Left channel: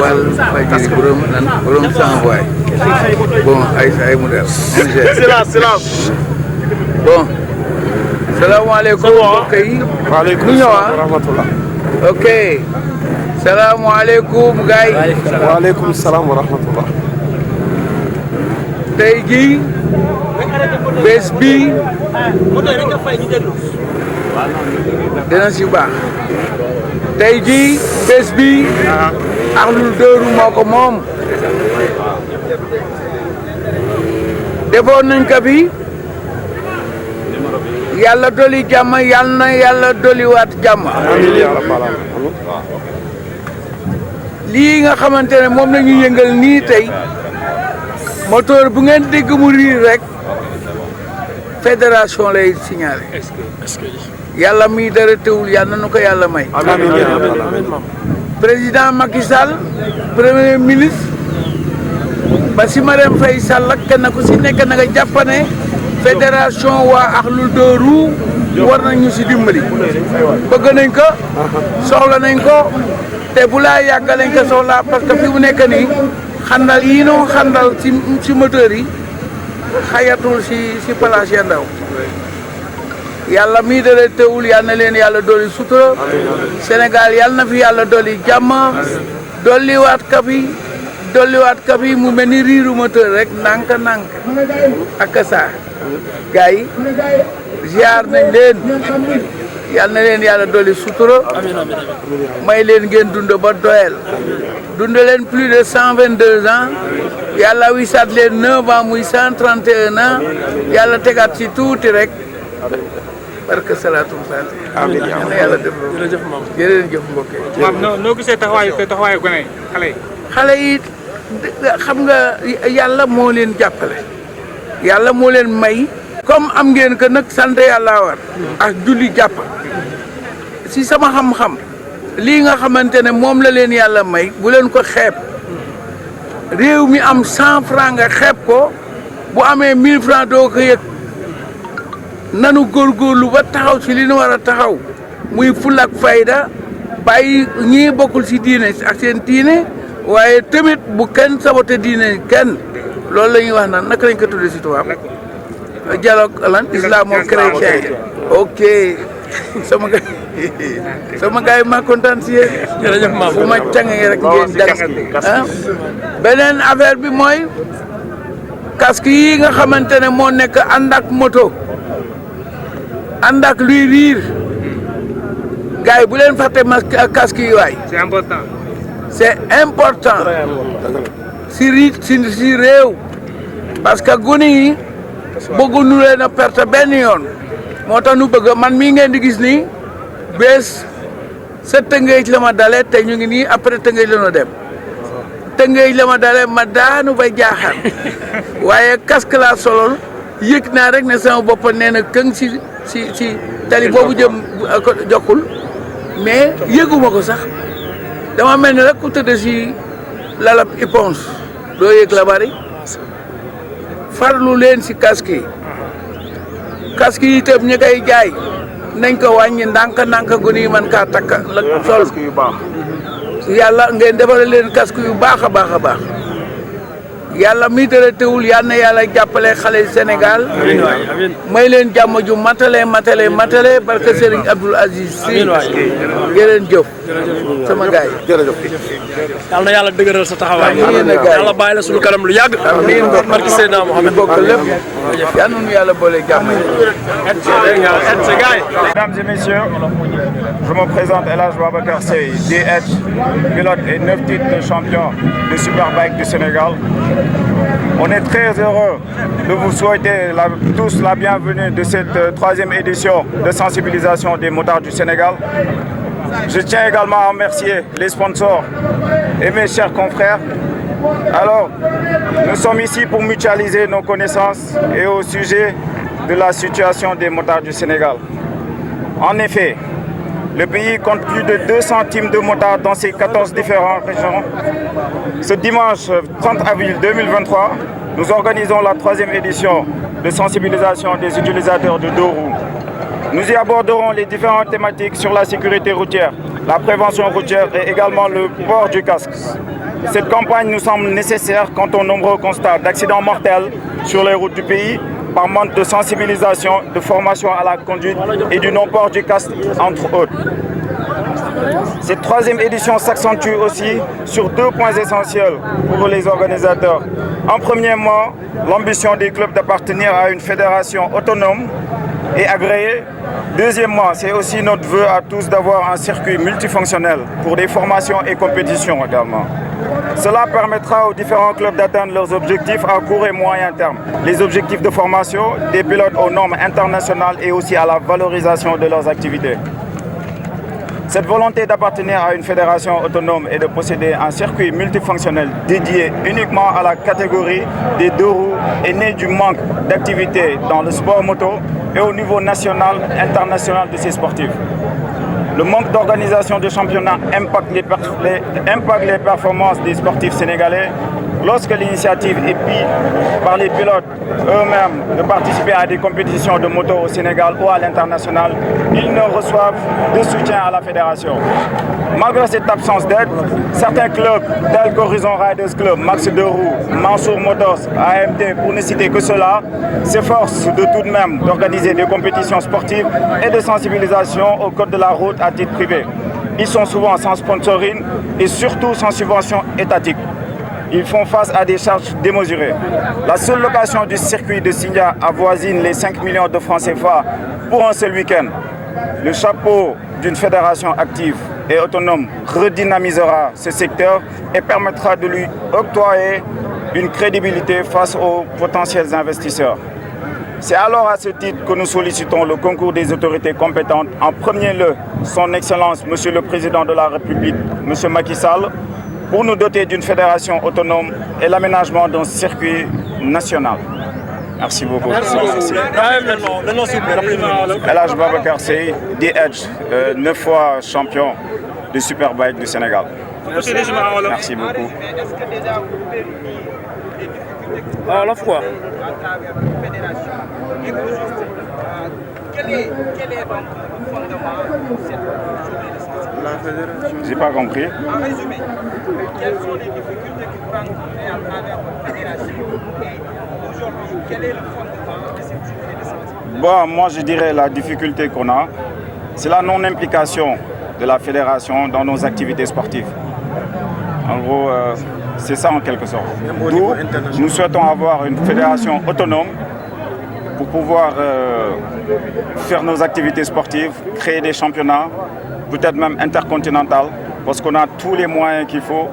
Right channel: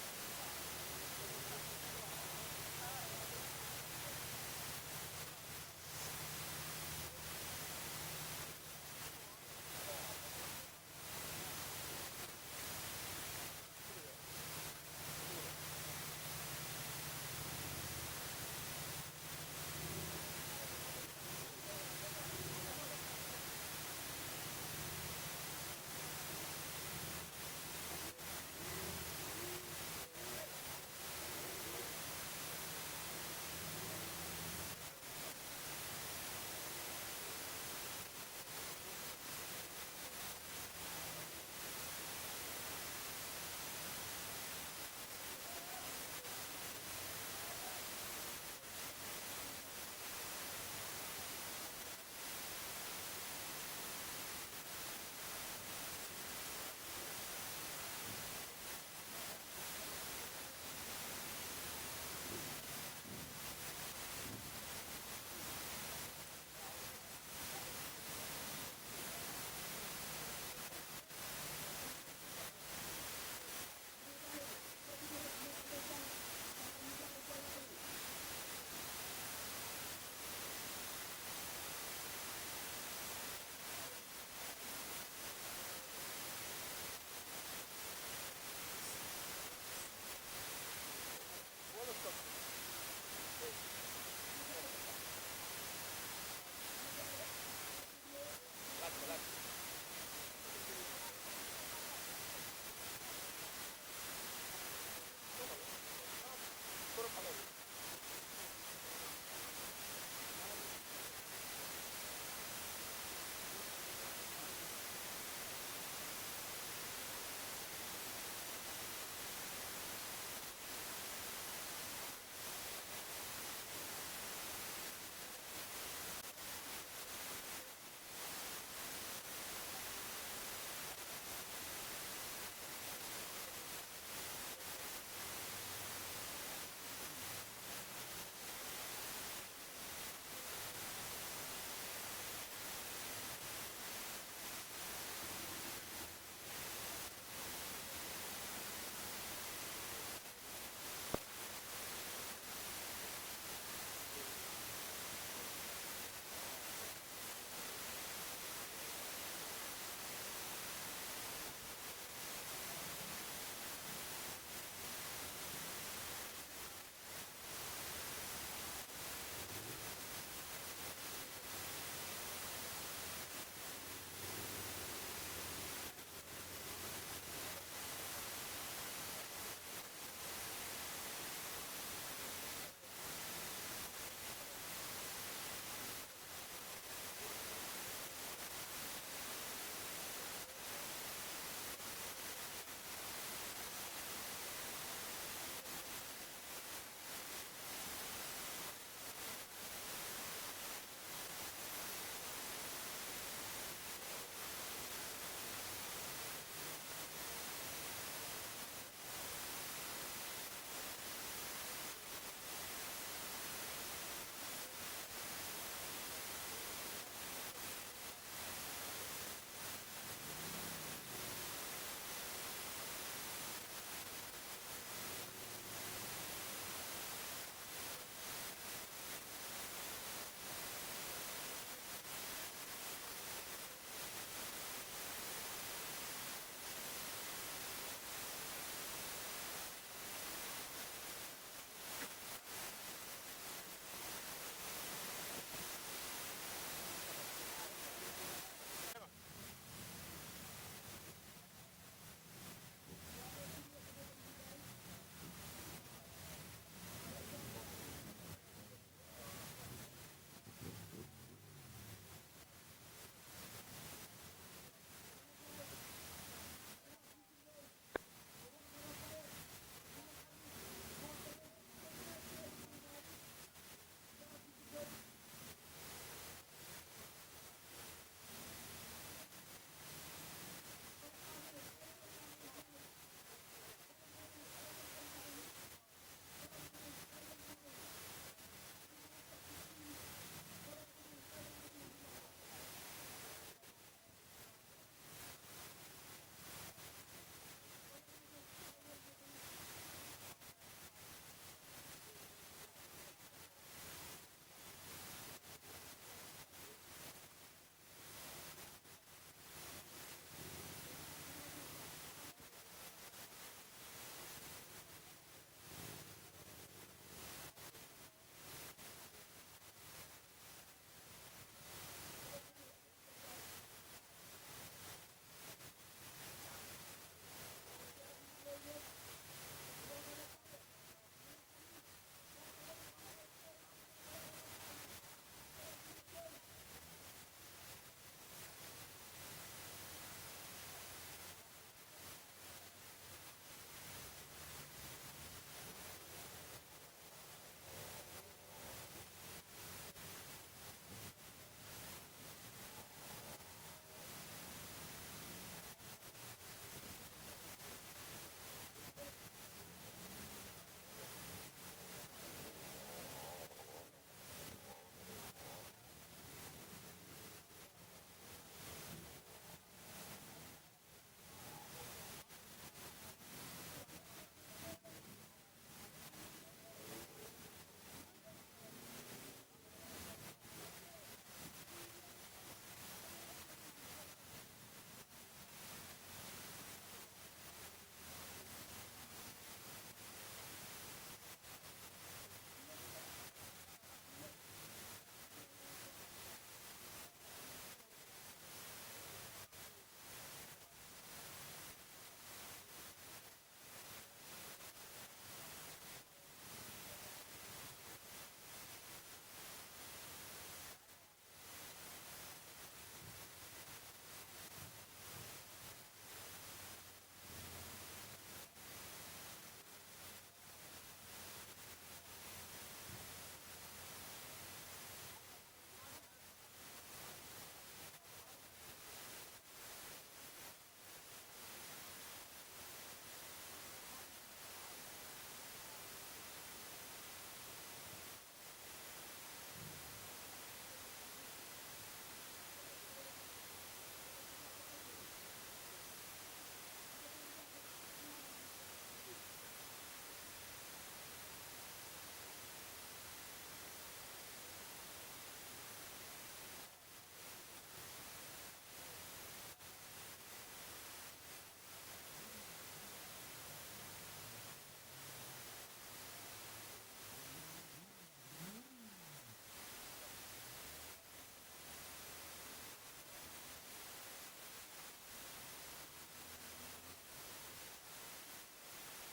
wal fajiri borom sans voix bon ay modèle silence bon salaamaaleykum mbokk yi waaleykum salaam wa rahmatullah ok salaamaaleykum gars yi waaleykum salaam wa rahmatullah tey jii bés bi dina si baax tey jii bés bi Akhlou Dóoru moo ko moom defoon nañ ko fi yàlla doli jàmm yàlla na yàlla doliwaat jàmm lii nga xamante ne moom la ñu yëngal nii tey moteur bu ngeen dégg mu riir rek fédération lay signalé yàlla mi dara teewul yàlla na ko yàlla may président Macky Sall premier ministre Bassirou Marème Faye Sall ak kenn ku si nekk na nga jàpp ne fédération waa Akhlou Dóoru war nañu si dimbali bëgg nañ ko soxla nañ ko te bu laa yàgg lañ ko soxla parce que fi mu nekk nii xandal yi noo xandal si moteur yi xayatul si place ya ndaw yàlla mii dara teewul yal na leen yàlla dolli sutura Sénégal yal na fi yàlla dolli jàmm dolliwaat ka fi mu mel ni riiru moteur rek nànk ak saa gars yi ziar nañ leen yal na leen yàlla dolli sutura may leen ngeen dund ba doyal dund leen plus de 122 ans yàlla wisaat leen 9 ans muy 131 ans yàlla tegaat ci tuuti rek barke salaatum faati amiin yàlla def jërëjëf mbokk yi. waaw noo gisee taxawaayu gone xale yi xam nga yàlla moo leen jàppale yàlla moo leen may comme am ngeen que nag sant yàlla war ak julli jàpp si sama xam-xam lii nga xamante ne moom la leen yàlla may bu leen ko xeeb réew mi am 100 francs nga xeeb ko bu amee 1000 francs doo ko yëg nanu góorgóorlu ba taxaw ci li ñu war a taxaw muy ful ak fayda bàyyi ñii bokkul ci diine ak seen diine waaye tamit bu kenn sabote diine kenn loolu la ñuy wax naan naka lañ ko tuddee ci tubaab dialogue lan islamo-chrétien ok sama gars yi ma kontaan si yéen jërëjëf ma fu ma cangee rek ngeen jàng beneen affaire bi mooy casque yi nga xamante ne moo nekk ànd ak moto ànd ak luy riir gars yi bu leen fàtte masque casque yi waay c'est important si réew parce que gune yi bëgguñu leen a perte benn yoon moo tax nu bëgg man mii ngeen di gis nii bés sa Tëngéej la ma dale te ñu ngi nii après Tëngéej la ñu dem Tëngéej la ma dale ma daanu ba jaaxal waaye casque laa solol yëg naa rek ne sama bopp nee na këng si tali boobu jëm jokkul mais yëguma ko sax dama mel ni rek ku tëdd si lalab éponge doo yëg la bari farlu leen si casque yi itam ñi koy jaay nañ ko wàññi ndànk gu ni man kaa takk la sol yàlla ngeen defal leen casque yu baax a baax a baax yàlla mi dara teewul yal na yàlla jàppale xale Sénégal may leen jàmm ju matale barke Serigne Abdoul Aziz Sy jëreen jëf sama gaay jërëjëf. yàlla na yàlla dëgëral sa taxawaay. yàlla bàyyi la suñu kanam lu yàgg. amiin barke Seydina Mohamed bokk lépp yal na nu yàlla boole jàmm. Mesdames et messieurs, je me présente El Hadj Babacar Seye, DH, pilote et 9 titres de champion de Superbike du Sénégal. On est très heureux de vous souhaiter tous la bienvenue de cette troisième édition de sensibilisation des motards du Sénégal. Je tiens également à remercier les sponsors et mes chers confrères. Alors, nous sommes ici pour mutualiser nos connaissances et au sujet de la situation des motards du Sénégal. En effet, le pays compte plus de 200 teams de motards dans ses 14 différentes régions. Ce dimanche 30 avril 2023, nous organisons la troisième édition de sensibilisation des utilisateurs de deux roues. Nous y aborderons les différentes thématiques sur la sécurité routière, la prévention routière et également le port du casque. Cette campagne nous semble nécessaire quant aux nombreux constats d'accidents mortels sur les routes du pays par manque de sensibilisation, de formation à la conduite et du non-port du casque, entre autres. Cette troisième édition s'accentue aussi sur deux points essentiels pour les organisateurs. En premièrement, l'ambition des clubs d'appartenir à une fédération autonome et agréée. Deuxièmement, c'est aussi notre vœu à tous d'avoir un circuit multifonctionnel pour des formations et compétitions également. Cela permettra aux différents clubs d'atteindre leurs objectifs à court et moyen terme. Les objectifs de formation des pilotes aux normes internationales et aussi à la valorisation de leurs activités. Cette volonté d'appartenir à une fédération autonome et de posséder un circuit multifonctionnel dédié uniquement à la catégorie des deux roues est née du manque d'activité dans le sport moto et au niveau national et international de ces sportifs. Le manque d'organisation de championnats impacte les performances des sportifs sénégalais. Lorsque l'initiative est prise par les pilotes eux-mêmes de participer à des compétitions de moto au Sénégal ou à l'international, ils ne reçoivent de soutien à la fédération. Malgré cette absence d'aide, certains clubs tels qu'Horizon Riders Club, Max Deroux, Mansour Motors, AMT, pour ne citer que cela, s'efforcent de tout de même d'organiser des compétitions sportives et de sensibilisation au code de la route à titre privé. Ils sont souvent sans sponsoring et surtout sans subvention étatique. Ils font face à des charges démesurées. La seule location du circuit de Sindia avoisine les 5 millions de francs CFA pour un seul week-end. Le chapeau d'une fédération active et autonome redynamisera ce secteur et permettra de lui octroyer une crédibilité face aux potentiels investisseurs. C'est alors à ce titre que nous sollicitons le concours des autorités compétentes. En premier lieu, son Excellence, Monsieur le Président de la République, Monsieur Macky Sall, pour nous doter d'une fédération autonome et l'aménagement d'un circuit national. Merci beaucoup. El Hadj Babacar Seye, DH, 9 fois champion de Superbike du Sénégal. Merci beaucoup. À la fois. J'ai pas compris. En résumé, quelles sont les difficultés qui vous rencontrez à travers la fédération et aujourd'hui, quel est le fondement de cette journée de sensibilisation? Bon, moi je dirais la difficulté qu'on a, c'est la non-implication de la fédération dans nos activités sportives. En gros, c'est ça en quelque sorte. D'où nous souhaitons avoir une fédération autonome pour pouvoir faire nos activités sportives, créer des championnats, peut-être même intercontinental, parce qu'on a tous les moyens qu'il faut,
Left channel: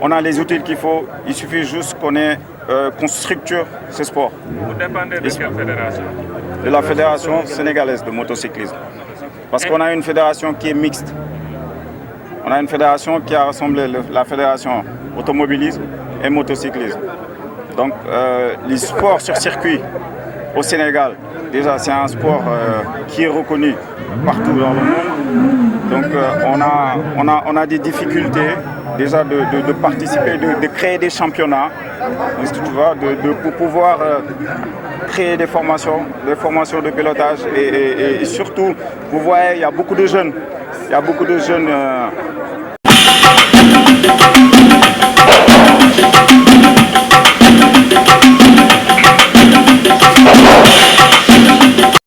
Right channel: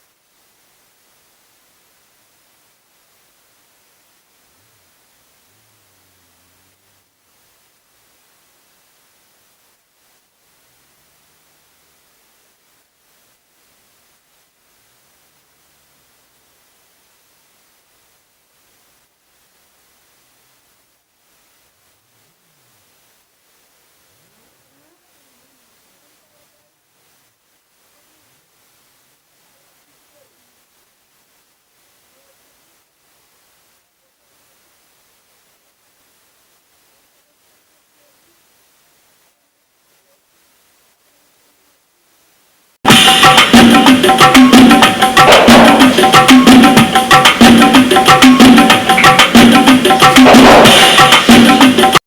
on a les outils qu'il faut, il suffit juste qu'on structure ce sport. Vous dépendez de quelle fédération? de la Fédération sénégalaise de motocyclisme. Parce qu'on a une fédération qui est mixte. On a une fédération qui a rassemblé la fédération automobilisme et motocyclisme. Donc les sports sur circuit au Sénégal, déjà c'est un sport qui est reconnu partout dans le monde. Donc on a des difficultés déjà de participer, de créer des championnats, tu vois, pour pouvoir créer des formations de pilotage et surtout, vous voyez, il y a beaucoup de jeunes